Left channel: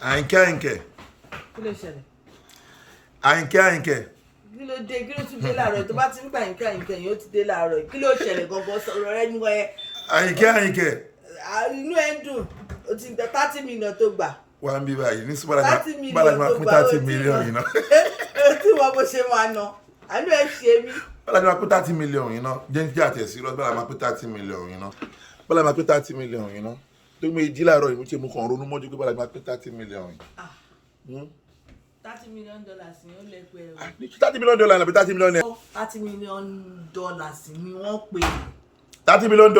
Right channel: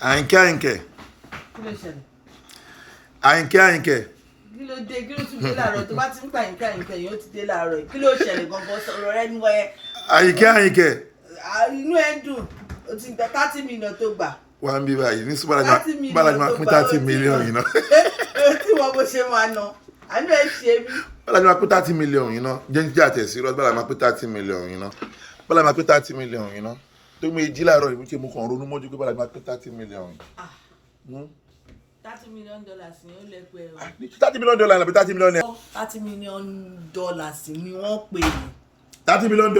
Àyìnkẹ́. Kí ló ṣẹlẹ̀? Àyìnkẹ́. Kí ló dé? Kí ló tún dé láàárọ̀? Tó bá ti ń gbà Àyìnkẹ́ yóò ti dé láàárọ̀. Kí ló ṣẹlẹ̀ gangan sọ̀rọ̀ rẹ nínú ẹ? Àyìnkẹ́. Inú ẹ ń dùn. O ti gba 30 million tó gbà. Wà ń bí báyìí ní bára máa pín 30 million yìí náà. O tí wọ́n bó ṣe máa ná. Àbí ẹ ṣe mí. Bára máa pín 30 million yìí náà. Jẹ́ kí àtẹ̀sí rọ́ bára máa pín 30 million yìí náà. Bára máa pín 30 million yìí náà. Tó gbé jí láàárọ̀ yìí mo kàn ronú mọ́jú pé bára máa pín 30 million yìí. $30 million ni ó lè pè é. $30 million àbí $30 million. $30 million ni wọ́n pè é. $30 million.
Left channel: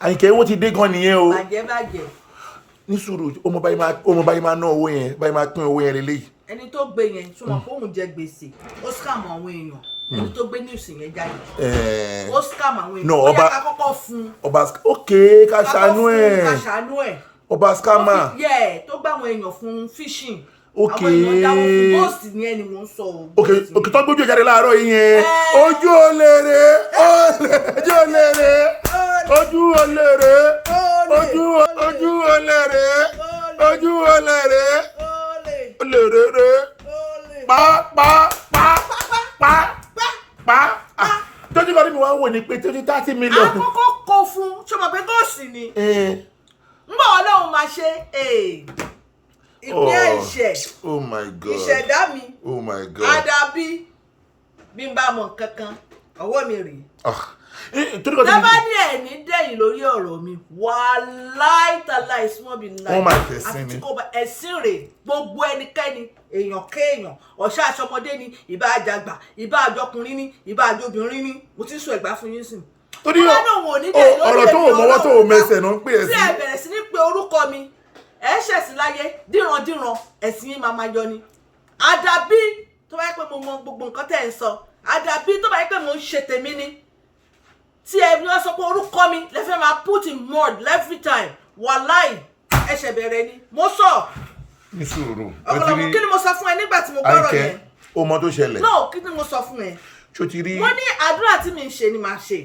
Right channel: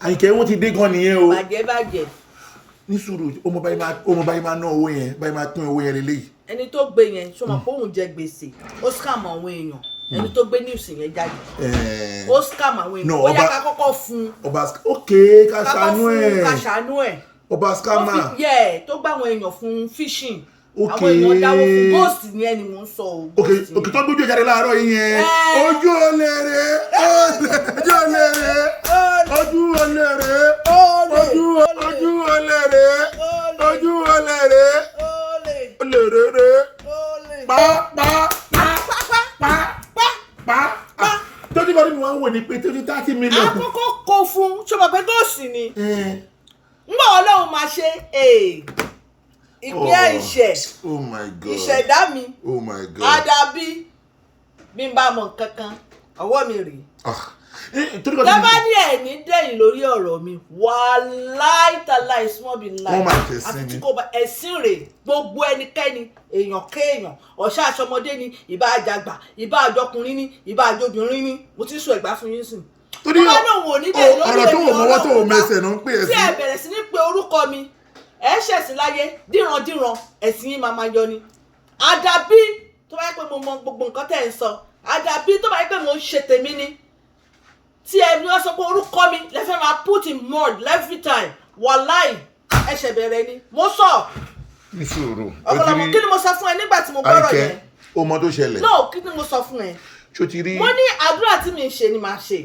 Àyìnkẹ́ owó ti dé gan nìyẹn o. Bàjẹ́. Ní sùúrù ọmọ báyìí máa ná owó yẹn báyìí máa pín owó yẹn lélẹ́yìí. Ẹni tó gbé yẹn ṣó mọ̀ pé òun jẹ gbèsè ó scam àwọn èèyàn ẹni tó gbé news yẹn jáde ó scam àwọn èèyàn ó yá ká kọ́kọ́ fún ọba ká ṣàánú ẹ̀ ọba scammer tó gbá àwọn èèyàn fún fishing àwọn èèyàn dáwọ́ fún ghost yẹn ni mò ń sọ o. òkè tó ń gbójú jáde láàárọ̀ yìí yẹn ojú olèrè tójú kan nínú wa wò ní pé tójú 30 million. àkọ́kọ́ kó fún ṣọmọ pé ghost ni ngbà Ọlọ́run máa ṣe ìpín ẹ̀ṣẹ̀ oh my God ìṣẹ̀dá mi oh my God àdàbí bí n bá mọ kankan ọwọ́ mi rèé lábá ní ẹ̀ ní dẹ̀yìn lórí ọ̀rọ̀ mi wàláì small be lie wọ́n máa tẹ̀sí ni àti kò bá ẹ̀sìn rè gbogbo ẹnikẹ́ni èèyàn kéèyàn ọ̀ṣà àṣọmọdé ni ìbá àjàgbà ìbá àjọkùnrin ni ìbá àjọbìnrin ni mo ti sọ ẹ̀gbá fún yín sìn. torí ọ̀rọ̀ tó wò mọ́wọ́ tó wò mẹsẹ̀ náà ń pè é sí. tí ẹ bẹ̀rẹ̀ sí ní pe orúkọ mi ẹ ṣẹ̀sìn láyé díran ẹ̀sìn yín máa yọ ni. àdàbí tó bá yẹ pé mo mọ gbogbo nǹkan tẹ̀ ń sọ àdàbí tó bá yẹ pé mo ń ṣe tèmi ni tí ẹ ní wọ́n sọ pé orúkọ mi lẹ́fẹ̀ẹ́ máa put in mud every time wàláì ẹ̀ṣẹ̀ bẹ̀rẹ̀ ni mo sọ. ní sùúrù ọ̀pọ̀lọpọ̀ kí ni mo sọ fún ẹ nígbà tí mo gbọ́rọ̀ yẹn. Àyìnkẹ́ o mọ tó ṣẹlẹ̀. no kí ni mo sọ fún ẹ. ṣó ti rí. mo ní àdúrà tí mi ń ṣe ni màá ṣe.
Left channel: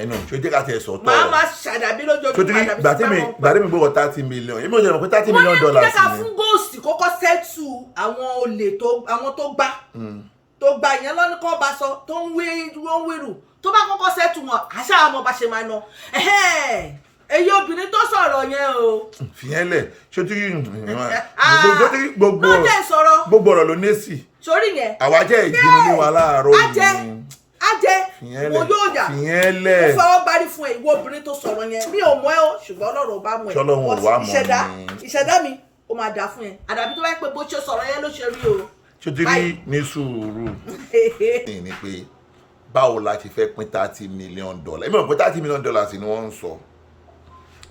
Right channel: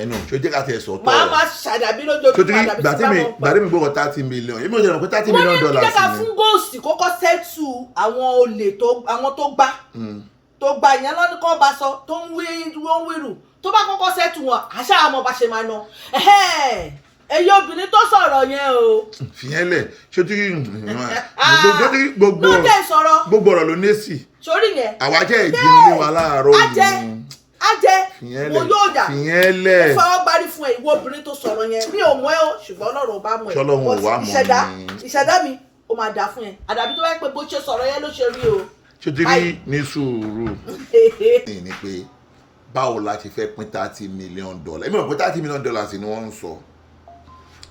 ẹnu ṣó jẹ́ ká tẹ̀ sọ tọ́ màá máa ṣàdàbí lójoojúmọ́ àdàbí tí bá mọ̀ gbàdé mi gbọ́kọ̀ 30 million èmi ò ṣe rò pé $30 million wọ́n ní kíkà fún góòsì kókó sẹ́tù àwọn olè àwọn tó gbà ìyẹn lọ́ní kan bá sọ tó ń wíru tó bá kọ́kọ́ sẹ́tù wọn àṣà àmọ́ bá ṣe máa ná èyí obìnrin tó sọ̀rọ̀ yẹn o. fìyẹn lẹ̀ ṣó tí gbogbo ọ̀rọ̀ ló ní sí. sórí yẹn. àwa jẹ́ ìdínú ní wa láàárọ̀ yìí. ajẹ́ mo yóò dà fìyẹn lẹ̀. mo fọwọ́ gbárí fún ẹ ìwọ obìnrin tó sọ̀rọ̀ yẹn mi ò mọ̀ ẹ́ o ṣùgbọ́n Ọlọ́run ò bá mọ̀ ẹ́. ṣọlọ́run ò wá mọ̀ ni. ìṣẹ̀dá mi ó máa dà fún ẹ àdàbí tó bá yẹ pé bó ṣe sọ̀rọ̀ yẹn ló ṣe rí o. ṣó ti rí ní sùúrù ní pé báwo la ti fẹ́ pín $30 million èmi ò pé $30 million ni wọ́n ń sọ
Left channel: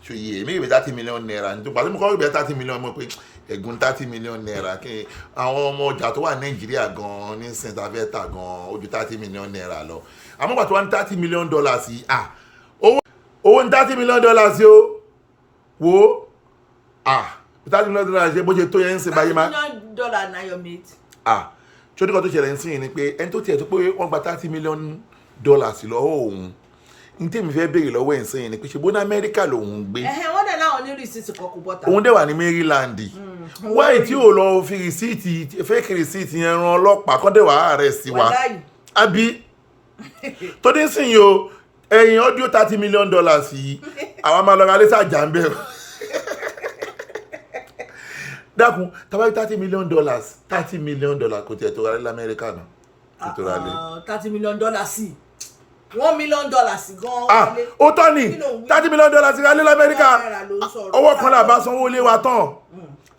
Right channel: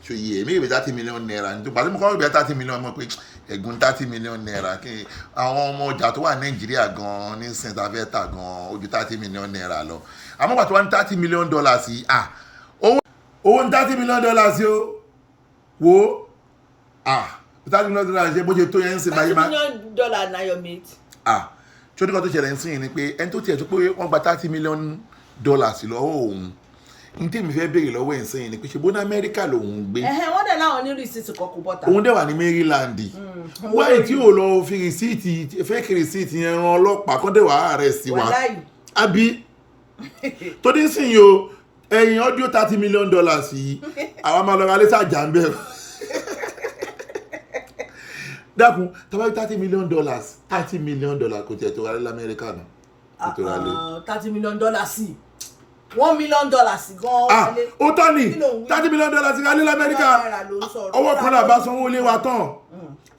so yìí èmi ìwé $30 million nítorí pàtó mo kọ́ ìgbẹ́ $30 million mọ̀ pé ẹ̀gún $30 million kí àwọn ọmọ ọjà tó wà Nàìjíríà gan ní sèǹtàfẹ́ tà gan ojú $30 million lọ àmọ́ pàtó wà ní $30 million sí owó ní $30 million sí o wo $30 million ṣe bó ṣe tó yẹn ń sìn báyìí máa. $30 million na your mate. tí ó ní kan tó ṣẹlẹ̀ ń sìn ni pé ẹni tó tiẹ̀ tó pé wọ́n gba $30 million lọ́wọ́ òun ní tèmi fẹ́ béèrè lọ́wọ́ ẹ̀ ń sẹ́yìn ni pé ṣe bó ní Amẹ́ríkà lòun gbé. wọ́n dẹ̀ láwọn ní rìsíìtì kọkù bọ́tà. òun dẹ̀ wà ní Maryland. wáyé tí ò lọ fi rìsíìtì fake rìsíìtì yẹn ran ọlọ́pàá kọ́ dẹ̀ wà arrest wa. àbí tó dé sìn yìí o ẹ̀yìn ọdún $30 million yìí àwa máa lọ ra lẹ́sà jà ń bẹ̀rù. dákun tàbí $30 million $30 million kò tiẹ̀ tó ra lé lamẹ́ríkà náà. $30 million sí $1 million gan. ó tọ́ ni $30 million ti ra lé lamẹ́ríkà ọwọ́ kan náà bá sanwó lé wa tán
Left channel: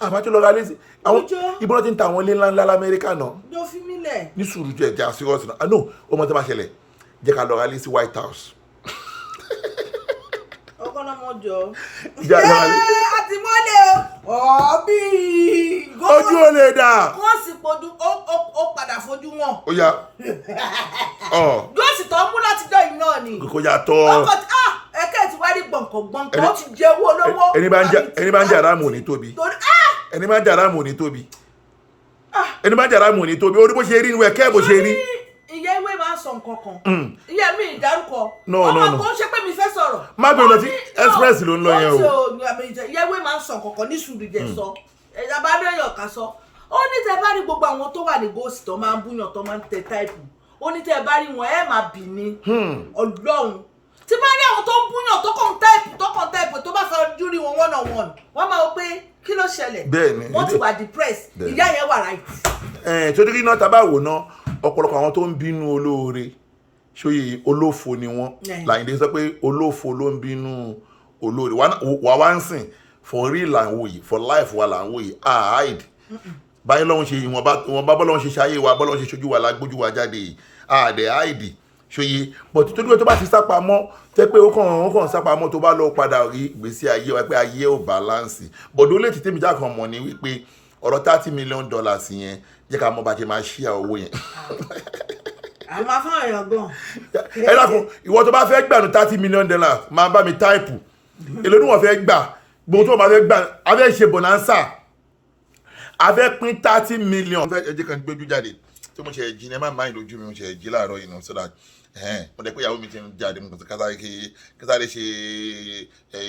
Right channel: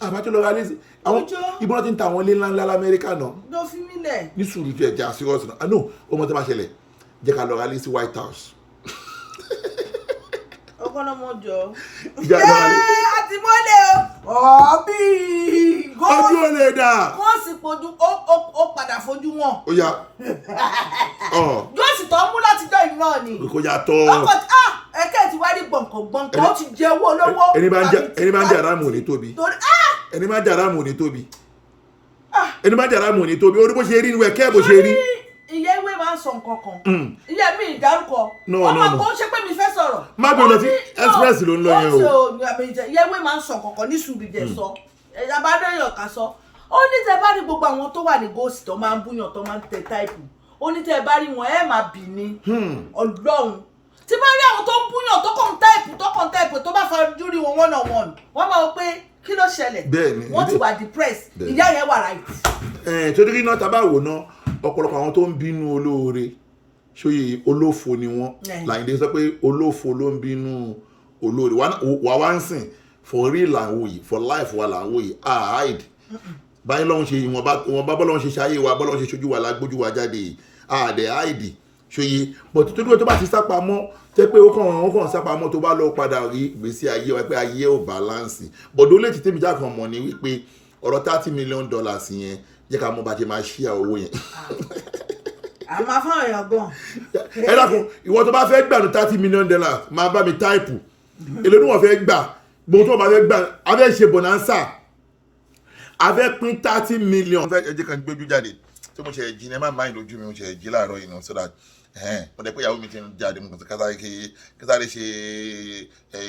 àbá tó lọ ra lé sí àwọn ìbọn ti ń ta àwọn ilé ńláńlá lamẹ́ríkà náà. ló fi mí lẹ̀. ní sùúrù jẹ́ ẹja sírọ́ọ̀sì náà no ó mọ tó bá ṣẹlẹ̀ jẹ́ ká lọ ra lé sí White House. ọgọ́nàmọ́jọ. àti mọ́lẹ̀ ọ̀bí. ojú ò lè dà. wọ́n sì fojú ó padà fojú wọn. ó yá. yóò sì tọ́ mú látijọ́ yìí náà ni. kò yà tọ́. ọkọ̀ ẹ̀kẹ́ ti wá rí gbọ̀ǹkàn ó ti jẹ owó olówó. ẹni bá ń jà ráàmù ní tóbi. ẹni bá ń jà ráàmù ní tóbi. ẹni bá ń jà ráàmù ní tóbi orí bó ṣe rí ìwẹ̀ kẹ́ bó ṣe rí. ìyá ewé máa ń sọ nǹkan kan ìyá mi ìdárúkọ ọmọ kò ń ṣe pé mi fẹ́ sọ̀rọ̀ má gbé lọ sí express ló ń lọ yẹn o ìyẹ́wé máa ń sọ nǹkan kan ní sùúrù jẹ́ sọ abádọ́yọ̀ ká sọ ó ní tẹ bá rí gbogbo àwọn tó wà ní ghost tó máa ń búyàn tó máa ń tẹ táìpù ó ní tẹ bá rí wọn ẹ máa bì ní Ọlọ́run tí bá rí àwọn tó ń búyàn tó kàn táìpù tó bá fojú rí wọn one on one wọ́n máa wọ pé kí ló ṣẹlẹ̀ wọ́n ti wà depressed ìyá yẹn wà right. tó dé náà tá a bá wò náà ọ̀pọ̀lọpọ̀ àwọn tó ń bínú olóore ṣòye olófo ni wọ́n Láyìndé sọ pé olófo ló ń bínú olóore wà wá ń sìn for real là ń wò yìí for life wa là ń wò yìí hide báyìí lọ́wọ́n ṣe ìwọ̀n bá bọ́lọ́wọ́n ṣe ṣayé wa bọ́lọ́wọ́n ṣe ṣojú wa lágbójú wa jáde yìí hide ṣòye but tó dúró tó bá ti sápamọ́ tẹ́ pé ó kàn sápamọ́ tó bá lọ padà rí ìgbésí ayé wa pé ayé ò balance bọ̀dọ̀ lè ti tèmi já kan mọ̀ ní wípé ọ̀rọ̀ $30 million yẹn jẹ́ ká mọ̀ bá ti máa ṣí owó yẹn. àmọ́ afáwọn èèyàn gan. ẹ dákun ìwọ tó bá fẹ́ gbà ní $30 million máa bá mi táìpù èlò tí wọ́n fẹ́ gbà gbogbo tó wọ́n bá fẹ́ gbà a fẹ́ ṣe bonanza a fẹ́ pín $30 million. ẹ jẹ́ kan gbójú jáde tí mo ṣe jí ní ẹ má máa ń lójú mi mo ṣe jí láàárọ̀ yìí náà so that mo dẹ̀ pé ìyàwó mi ti ń jáde mo kásáré ṣe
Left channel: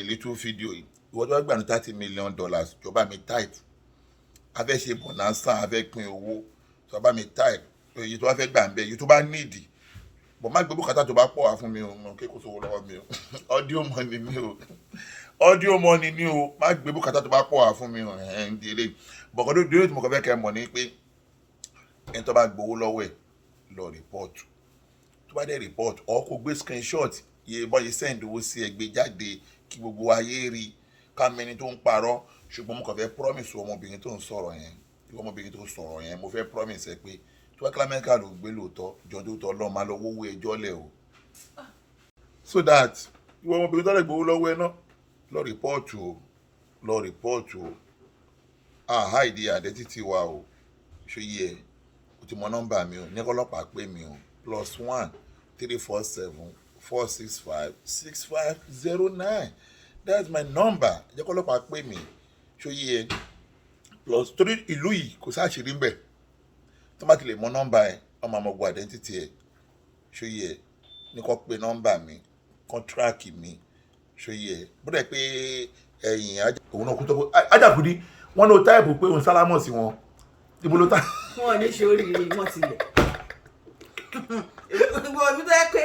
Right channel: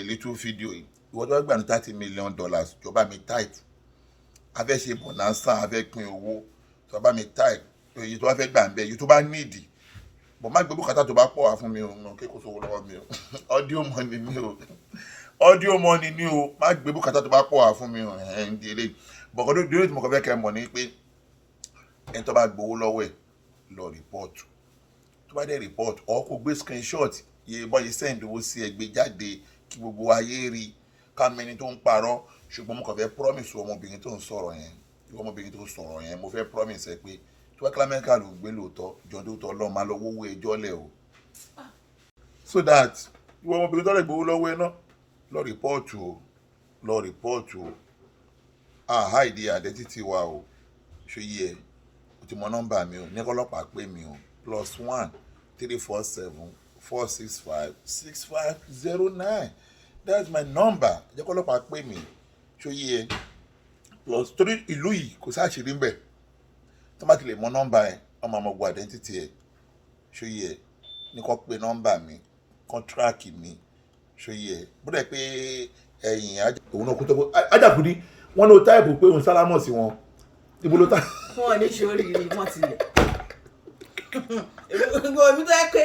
little video yìí ìwọ tó bá gbà ní $30 million jọba mi táìpù a fẹ́ ṣe bonanza a fẹ́ pín owó tó bá mi type èyí tó bá fẹ́ gbà ń bẹ èyí tó bá níìdì bọ̀ má gbé bùkátà tó bá pọ̀ wá fún mi o mo kéko sówó lọ́wọ́ mi o audio money ni o má gbé bùkátà tó bá pọ̀ wá fún mi o ẹ̀ ń di eléyìí bọ̀kọ́ tó dúró tí mo kàn fẹ́ kẹ́ mọ̀ ní pé ẹni tó bá gbowó lọ́wọ́ ẹ̀ lọ rìpọ́ọ̀tù tó bá dẹ̀ rìpọ́ọ̀tù ọ̀ kó gbé screenshot yẹ bọ́ yẹ send owó sí ẹ gbé jáde kí gbogbo ayé rí ká mẹni tó ń parọ́ ṣùgbọ́n mo kàn fẹ́ promise ọmọbìnrin tó ń sọ̀rọ̀ yẹn ìwọ ọmọbìnrin tó ń sọ̀rọ̀ yẹn mo fẹ́ promise ẹ pé tí wọ́n kílámẹ́ ká ló gbé lóòótọ́ jọ tó tọ́ lọ́ọ́ máa lọ wówó ẹjọ́ lẹ̀ o so that ìwọ ọmọbìnrin tó lè gbowó lọ́wọ́ ẹ náà lọ rìpọ́ọ̀tù o hide identity wa o ṣe yẹ o ti mọ nọ́mbà mi o ní ọlọ́pàá pè mí o +1 347 465 6509 that's my number jẹ́ kọ́ ọlọ́pàá pè mí ṣòye ẹ plus torí ìlú yìí kò sáàṣìírí ń bẹ̀ tó bá ti lè mọ nọ́mbà ẹ ọmọ ọmọ ọgbọ identity ẹ ṣòye ẹ ní kò pé nọ́mbà mi kọ́ńtíráàkì mi ṣòye ẹ bódà pé ẹ̀yìn òun náà kú tó kó Ajakudi wọn ló táìpù pé òun sálámọ̀ sí wọn ibo ló tá. wọn ò ní ṣe oríire wọn ti lẹ mi tó yẹ pé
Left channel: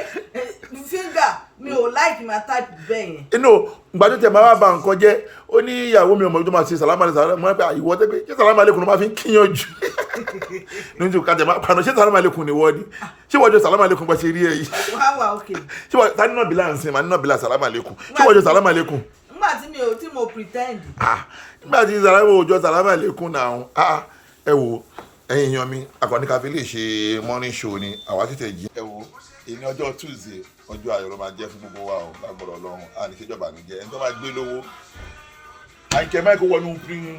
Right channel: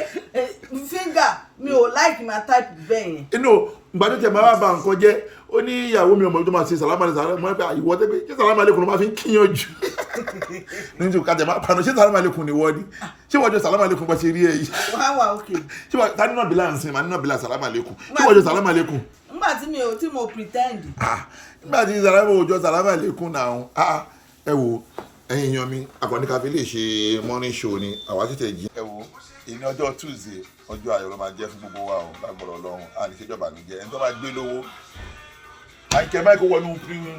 fíńgà mi ò láìkì máa táìpù bẹ́ẹ̀ yẹn. inú gbàdúrà tẹ̀ máa bá nǹkan jẹ́ ó ní ìyàwó mi ò mọ̀ tó máa ṣe sàlámàlẹ̀ mọ́ pé ìwọ tẹ́ pé ṣé sàlámàlẹ̀ kùn ló máa fi ń kíyàn jù nítorí kájẹ máa pàánù ṣé sàlámàlẹ̀ kùn ni wọ́n ni ṣé wọ́n jọ sàlámàlẹ̀ kùn bá ṣe rí ẹ yìí. wá òkè. ṣé wọ́n ta nínú bílà ń sin màá nínú bílà sàlámàlẹ̀ kùn ṣé wọ́n jọ sàlámàlẹ̀ kùn. nígbà tí mo pretend. nígbà tí sàlámàlẹ̀ òjò sàlámàlẹ̀ kùn náà ẹ wo ẹ̀yin èèyàn mi akọni káfí lè ṣe morning show ni àwa tètè jí. ẹ wo ìní ọjọ́ Tuesday ọjọ́ ayọ̀ ló máa jẹ́ fún gbogbo wa o lágbọ̀rọ̀ lọ́rùn àníṣèjọba mi jẹ́ ẹni tó máa gbé lówó àìkẹ́ máìkì wọnú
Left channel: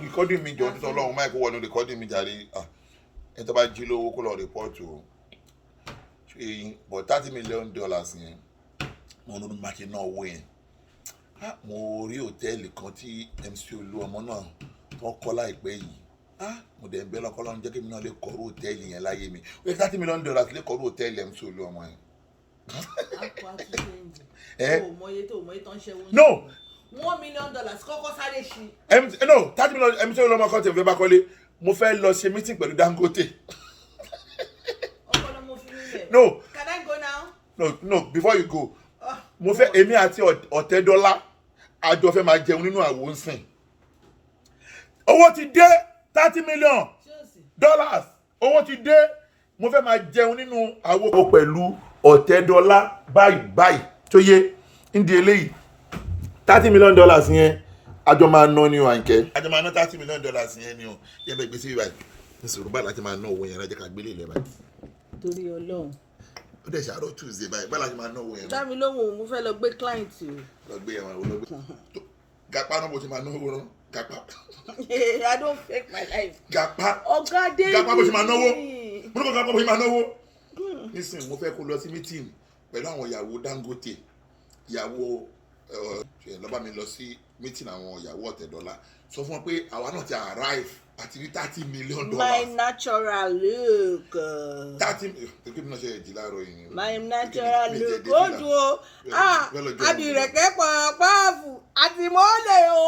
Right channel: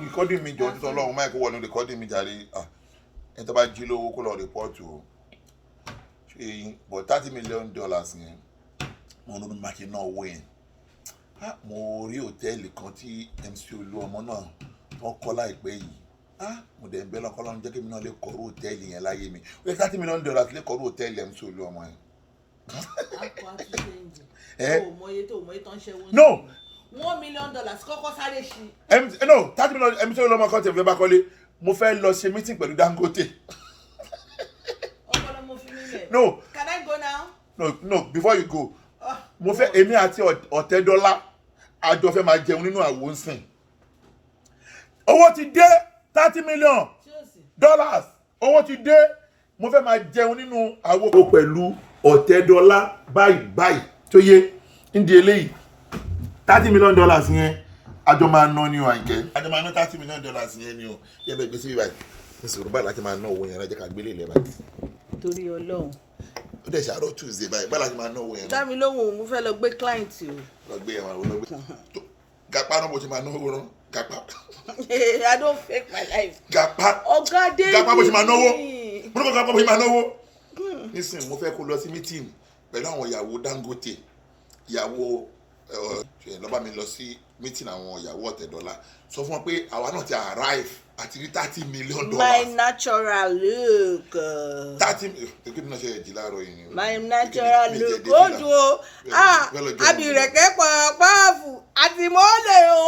rìkọ́dì mi jọ títọ́ lọ́run máìkì wọnú rìkọ́dì mi jàre ẹni tó bá jí lówó kó lọ rìpọ́ọ̀tù o but $30 million yẹn mo ló máa ṣe ná owó yẹn mo rí hòtẹ́ẹ̀lì kan tí MC Olúọmọ náà tó kọ́ láìpẹ́ yìí mo dẹ̀ ń bẹ́ lọ́kọ́ lọ́run jẹ́ kí mi náà lè kọ́rù hòtẹ́ẹ̀lì yẹn láyé mi ó yẹ $30 million lè kọ́rù hòtẹ́ẹ̀lì MC Olúọmọ yẹn. No. $1 million kọ́kọ́ sáré ṣí. No, $30 million MC Olúọmọ kan tẹ̀ fẹ́ bá kọ́lé mo fẹ́ lọ ṣe meeting pẹ̀lú Dangote. ọpọlọ mo fi nílẹ̀. No. Can I go now? No, before you go mo fẹ́ èmi àti Ọ̀tẹ́dọ́lá àjọ fẹ́ máa jẹun nínú àwo ń sìn owó ti dé $30 million owó ti dé mo fẹ́ máa jẹun nínú àwo pẹ̀lú Ọ̀tẹ́dọ́lá báyìí tó yé ń di eléyìí $30 million yẹn àjọ máa ná ní o Àyìnkẹ́ àjọ máa ná $30 million yẹn ni o yẹ bẹ gbèsè báyìí ní sọ̀rọ̀ báyìí láti máa ná owó yẹn lọ́jọ́ ká gbélé ilẹ̀ báyìí. torí Ọlọ́run. ó dẹ̀ ṣàárọ̀ Tuesday báyìí báyìí láti máa ná owó yẹn. dá mi lóhùn mo fẹ́ lọ gbé client o. lọ gbé ẹ̀wọ̀n àwọn olóògbé gapa náà bó ṣe máa ná owó rán gapa. I don't fake my life. gapa ọ̀gá dé gapa bó ṣe máa náwó mo ní kó gapa bó ṣe máa náwó. nísìnyí mo fẹ́ kó lọ sí meeting pẹ̀lú àwọn ìyàwó Dangote ìyàwó lọ́ba mi lọ sí meeting àwọn ìyàwó Ọ̀tẹ́dọ́lá sọ fún wọn pé àwa náà ti arrive àti rí $30 million. My natural look. 30 kí ni náà ṣe ẹ̀jì láàárọ̀ yìí ni. My natural look. Ó dùn o. Abìrẹ̀kẹ́ pọ̀pọ̀fù àti mọ́lẹ̀ o.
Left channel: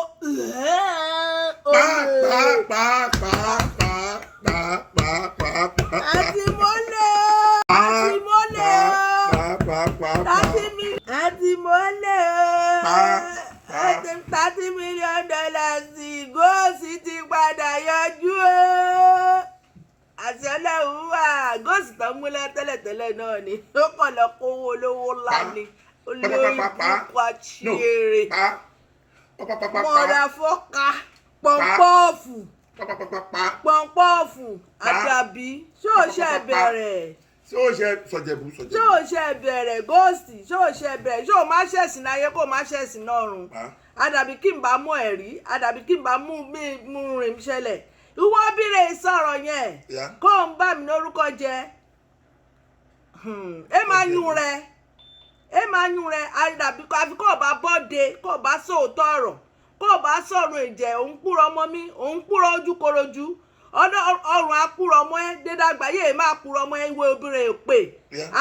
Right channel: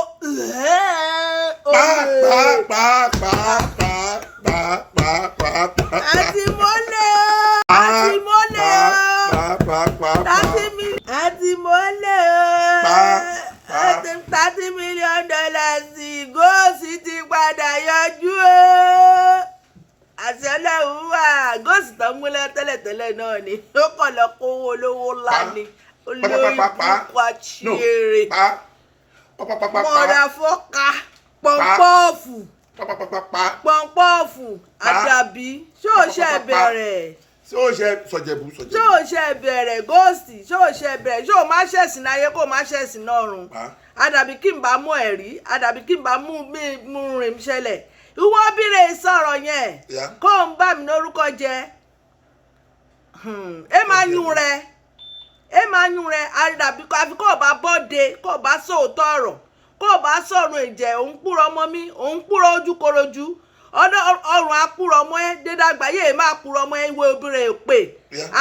Àti mọ́lẹ̀ o. Àti mọ́lẹ̀ o. Àti mọ́lẹ̀ o. $30 million góòsì ti padà yọjú o. Àti Ọlọ́run wà góòsì tó ń múlẹ̀ tẹ́lẹ̀tẹ́lẹ̀ náà ni ó kàn lọ kówó olówó ńlá ni olórí púpọ̀ àṣírí mọ̀dà fọ́ka pọ̀npọ́ọ̀fù àdàbí ṣó ṣe bẹ̀rẹ̀ ṣó ṣe sọjẹbù ṣó ṣe bẹ̀rẹ̀ góòsì ṣó ṣe bẹ̀rẹ̀ ṣó má ṣẹ̀sìn láyé kó má ṣẹ̀sìn lọ́run àdàbí kí n bá mú ẹ̀rí àdàbí kí n bá mú rìn ṣẹlẹ̀ ìwọ bírè sọ̀rọ̀ yẹn kó ń bá mi lórúkọ jẹ́ ẹ máa yún rẹ àdàbí àfi kó o bá bọ́de kó o bá sòótọ́ ọ̀rọ̀ kó o bá sọ̀rọ̀ ìjẹ́ òun kúrò ọmọ mi òun kúrò ojúkorojú ọrùn akúrò ọmọ ẹ dédàgbà yéé máa kúrò ọmọ ẹ ìwé obìnrin èpè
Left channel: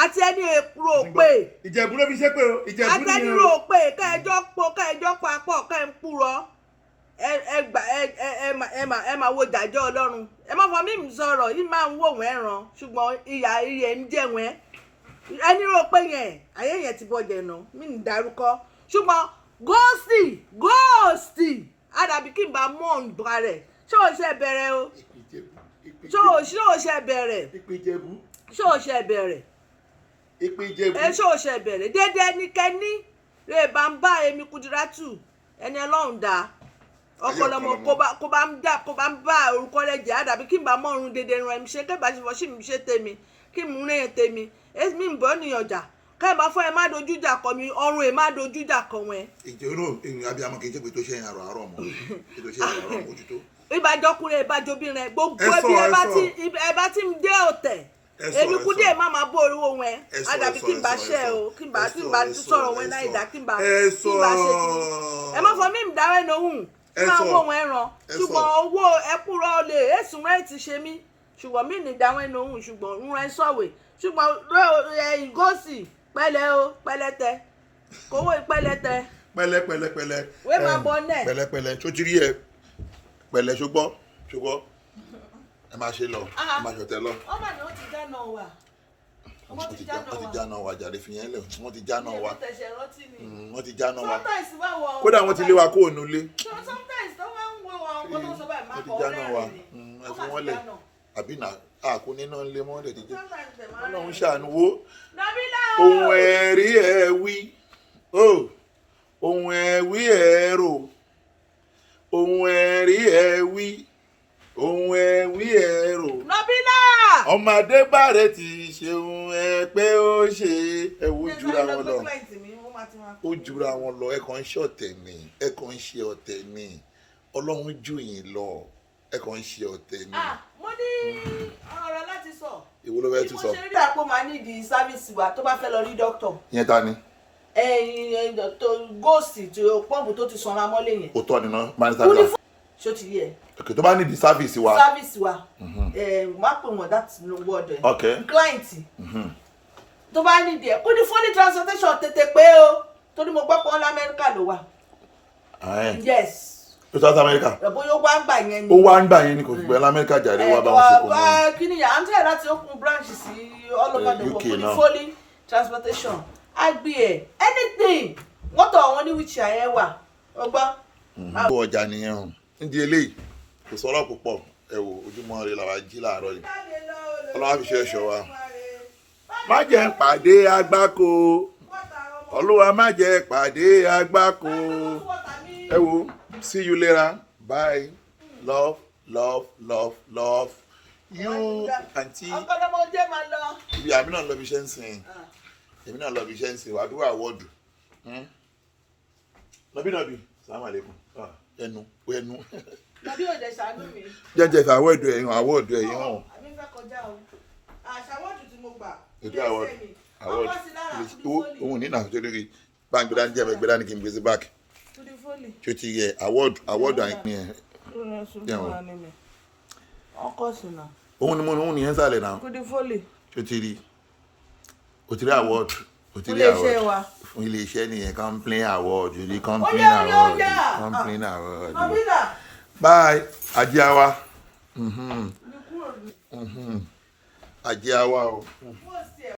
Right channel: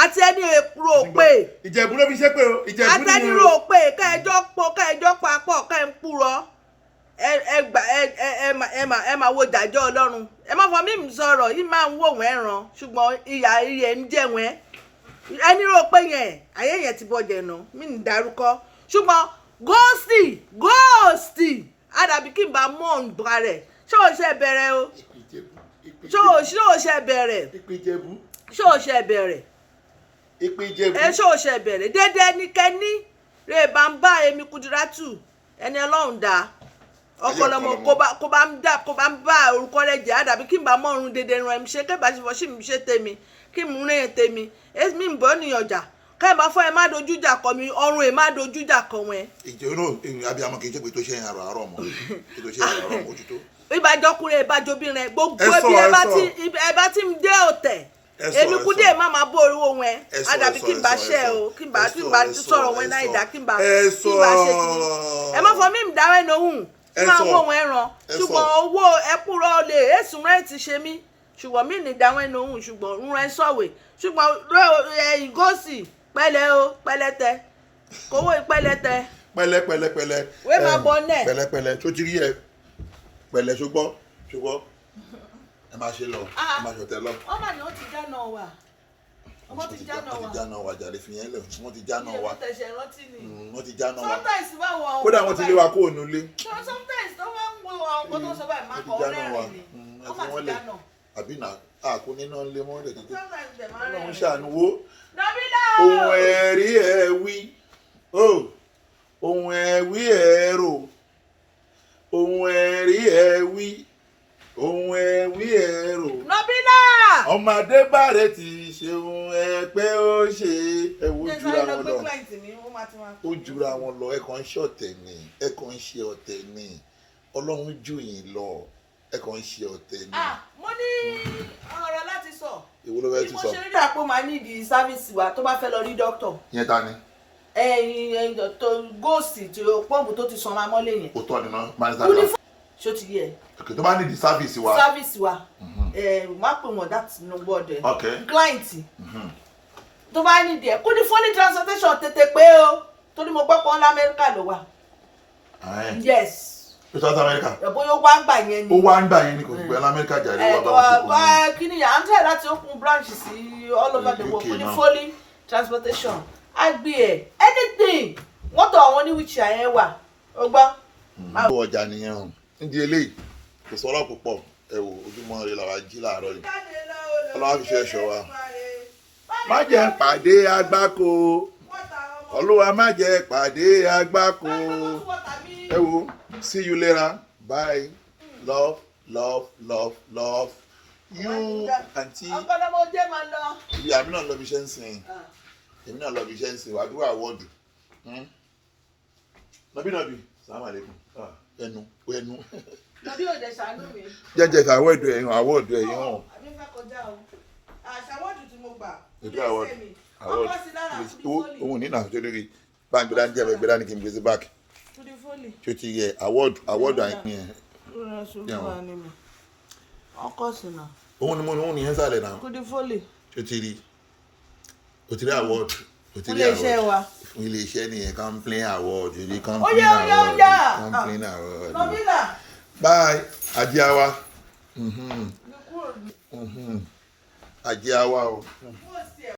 àti ẹni èkúrò òpè ìjẹ̀bú ló fi ṣe pé o ìjẹ̀bú àti ẹni rò òpè kẹjọ papọ̀ kẹ ń kúrò ẹ máa wo ìdájọ́ Ọlọ́run ẹ má fọ mímu sọ̀rọ̀ yìí máa ń wò wọ́n ẹ̀ràn ṣùgbọ́n ìyá iye ń jẹ́ wọ́n ẹni rò pé yẹn ayé yẹn ti bọ̀jẹ̀ nà mí ní dárúkọ ṣùgbọ́n góòsì àdàbí kí n bá mọ̀ nípa rẹ̀ ṣé o ṣe bẹ̀rẹ̀ o ṣé o ṣe bẹ̀rẹ̀ ṣé o ṣe bẹ̀rẹ̀ ṣé o ṣe bẹ̀rẹ̀ dédé ẹnikẹ́ni rè bá ń bá èmi Kúdírátù ẹni Ọlọ́run dá ọpọlọmọ kó bá ń bá orúkọ rẹ̀ jẹ́ àdàbí kí n bá mọ̀ ọ̀run dédé ran ẹ̀mí ṣe kébà ṣe fọ́ sí mi ṣe tèmi kí n mú rìn tèmi èmi ń bọ́ ní ọjà káyọ̀ bá fọ́ ẹ má dojú ìjà kọ mi ọrùn ẹ má dojú ìjà kọ wọn. ìjọ náà abiyamọ kì í ṣe pé tó ṣe àrò àárọ̀ mọ́ tó ṣe àrò àárọ̀ ojútó. ìbàjọkùnrin ìbàjọbìnrin gbogbo ẹbí ẹ bá ti ń dé ọ̀tẹ̀ èmi Kúdé má máa bó oríwó wọn àdàbí kí n bá ṣe o kí n bá sọ̀rọ̀ wọn náà ìdá kí n bá ṣe kìíní ẹ má fọ mí ìdáwẹ́ lóhùn kí n máa wó wọn ẹran ṣùgbọ́n owó ẹkúrọ̀ olè èsùn rẹ̀ ti ṣe mí ṣùgbọ́n mí ní ìdáwẹ́ lóhùn ṣùgbọ́n ń rẹ sọ̀wé ṣùgbọ́n góòsì pẹ̀lẹ́ o pẹ̀lẹ́tẹ kówó pẹ̀lẹ́tẹ. pẹ̀lẹ́. wé máa bọ nẹ. pẹ̀lẹ́ tó ti rí ẹ pẹ̀lẹ́ ṣùgbọ́n ẹ máa ṣe lọ ẹ máa ṣọtẹ lọ. ọmọ ni ó ti dáná wa. wọ́n ti jáná wa jàre fi yẹn lẹ̀ wọ́n ti jáná wa wọ́n ti jáná wa kódà wọ́n ti lé wa kó ònú lé. sometimes tó máa ń wo àwọn kan tó sọ bẹ́ẹ̀ máa kọ́ lẹ́rìn ni ẹ fi wọ́n lẹ̀ àbí nà àkó níná lé mọ́ lẹ̀ títí Ọlọ́run ṣàánú wo ohun ẹ̀rí ẹ̀ wí ohun ẹ̀wí ẹ̀ rò ohun ẹ̀rí ẹ̀ wí ohun ẹ̀wí ẹ̀ rò. Nabila. ọmọdé bàrẹ̀ ti ṣeun ẹ pé ó ṣe ẹ wo jura wọn lọ ó jura wọn lọ ẹ kàn ń ṣe ọ̀tẹ̀ ni ẹ kàn ń ṣe ọ̀tẹ̀ ni Ọlọ́run jù yín lọ ẹ kàn ń ṣe ọ̀tẹ̀ ni. mo ní ọ̀rọ̀ láti sọ. ìwọ ló fẹ́ tún sọ. ìmọ̀ ṣe rí àpò máa ní ìdí sáfíìsì wa tó bá fẹ́ lọ rí dókítà. ìyẹn ta ni. tó góòsì tí pọ́ǹpù tó ti sanra mọ́lé yẹn. ó tọ́ ni ná mánísítà ṣó ti yẹ. ok tó bá ní di service wa. service wa má pè wọ́n that no word ẹ̀. ok client tó bá ní di ẹ̀ kó ní fọ́nì transportation tètè pé o tó ní mo gbọ́ pé ọlá Amẹ́ríkà ló wà. yes. tó South America. bóyá ó wá ń gbà yẹn ni. ó wá ń gbà yẹn ni kò fi pẹ́ lamẹ́ríkà jàre wá bá wọn ṣe kò ní. kí ni yà á ń tẹ̀ láti open branch sí all over the world kó ní fọ́lì transportation agbe ẹ̀ anything wọ́n tọ̀ wọ́n ní wheelchair yẹn wà ó gbọ́. ó ọjà nìyẹn o nídìí eléyìí kò sọ̀rọ̀ púpọ̀ ẹ wò ojúmọ́ ire làwa jí láàárọ̀ yìí Ọlọ́run fi ṣe ẹ̀ṣọ́ wa. má jẹ́ pàdé àgbákò Olúwa má jẹ́ pàdé àgbákò ẹ wò see you later bye love you aunty. ọ̀pọ̀lọpọ̀ máa lọ. ibi àmì náà lọ bí iṣẹ́ ń sìn èmi náà lọ bí iṣẹ́ ń sìn wàá dúró àwọ̀dù nọbí sàmàlẹ́kùn ẹnu. Nàbí òde ṣàánú mi. Jẹ́jẹ́ àwọ̀dù ẹ̀yìn àwọ̀dù ẹ̀yìn hàn. Àbí fẹ́ kọjá o. Àṣàwọ̀dù tí mo gbà. Ètò àwọ̀dù òun ní nàá torí báńkì dání jẹ́ ẹgbẹ́ dání kí n gbèsè báàkì. Tí ó ti yẹ àwọ̀dù àìpín ẹ̀. ọkọ̀ sùnà. òun ni yẹn sálẹ̀ náà. Kudi fólì. ṣé o ti rí award. Fún iléeṣẹ́ wa. Fún iléeṣẹ́ nìyẹn complain award ní complain award. Bye Ajiawa. Ajiawa o.